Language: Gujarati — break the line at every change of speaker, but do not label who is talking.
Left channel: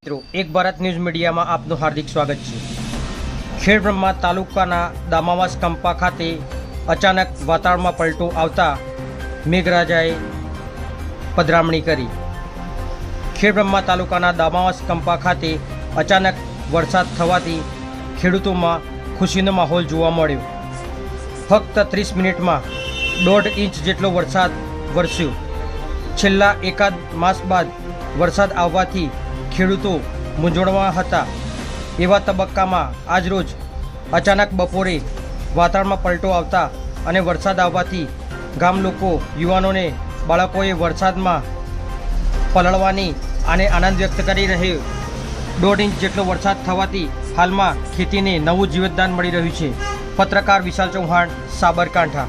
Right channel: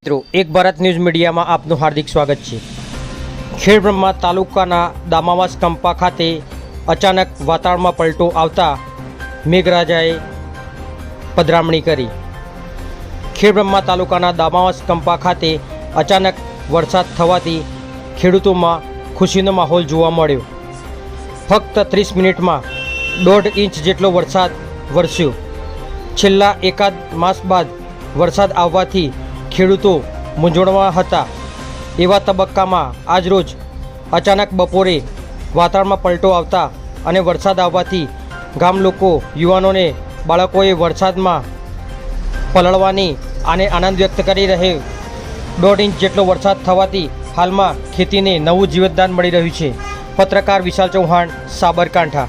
એક ભારત ન્યૂઝ મીડિયામાં આપનું હાર્દિક સ્વાગત છે. ખેડબ્રહ્મા તાલુકાના દામાવાસ કંપા ખાતે અચાનક વાતાવરણમાં પલટો આવતા મેઘરાજાએ પધરામણી કરી. ખેડબ્રહ્મા તાલુકાના દામાવાસ કંપા ખાતે અચાનક વરસાદ થવાથી ખેડૂતોમાં ખુશીનો માહોલ જોવા મળ્યો. ફક્ત ત્રીસ મિનિટમાં દોઢ ઇંચ જેટલો વરસાદ વરસ્યો. છેલ્લા એકાદ માસ બાદ વરસાદ આવવાથી ખેડૂતો મૂંઝવણમાં હતા. એવા તબક્કામાં આજરોજ અચાનક બપોરે વાતાવરણમાં પલટો આવતા અને વરસાદ આવવાથી ગામ લોકો, યુવાનોને, બાળકોએ વરસાદમાં પલળવાની અને આનંદ વ્યક્ત કરી રહ્યો. દોઢ ઇંચ જેટલો વરસાદ થવાથી હાલમાં ખેતીને નવું જીવતદાન મળી રહ્યું છે. પત્રકાર વિશાલ ચૌહાણ, સાબરકાંઠા.